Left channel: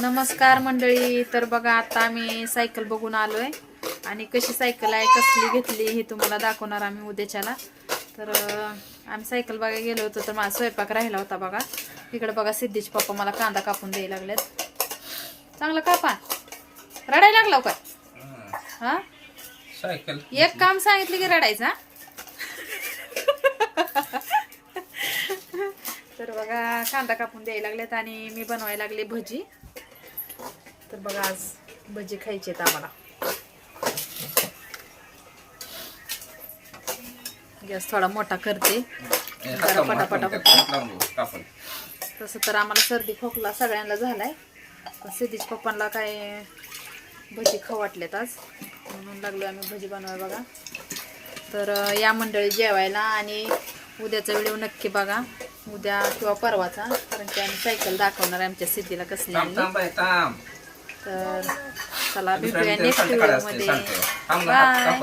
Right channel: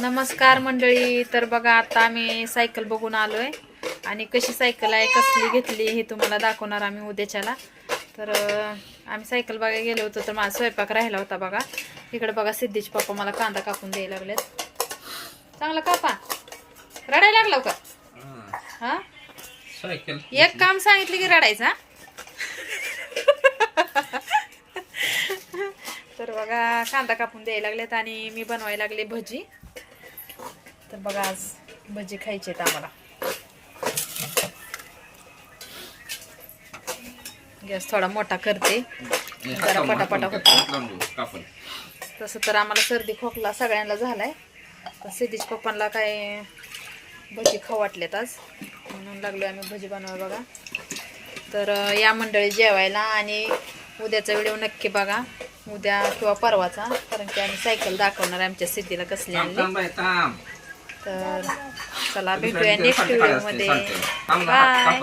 नमस्कार मंडळी. तर बघा आता आम्ही सायकल बघून आलोय आणि कशी सायकल आहे कसली घेतली हे तुम्हाला दाखवणार आम्ही उद्याच्याला. तर आम्ही सायकल बघायला गेलो होतो तर माझा स्वयंपाक राहिला होता बघा. इकडे बघा सिद्धीचे पप्पा मला कांदा कापून द्यायला लागलेत. चांगला कापा. रडायला लागला का? हा सायकल एक काम सांगितलं की रडायचा. तर बघा कांदा कापून द्यायला लागलेत आणि मी बनवायला लागले भजी. तर बघा आज भजी खायचे आहेत आम्हाला. गॅस थोडा मोठा करते जरा पटापटा होतो. तसं तर आम्हाला सर्दी खोकला सगळ्यांना झालाय. पण सिद्धीच्या पप्पांना काय भजी खाऊ वाटलेत आज म्हणून लागलो आम्ही भजी बनवाय बघा. तर या मंडळी जेवायला आणि उद्याचा व्हिडिओ नक्की बघा, उद्या किंवा परवाचा, कारण की आम्ही सायकल दाखवणार आमच्या सिद्धीला कसली आणली. तर चला भेटूया नेक्स्ट व्हिडिओ मध्ये. बाय.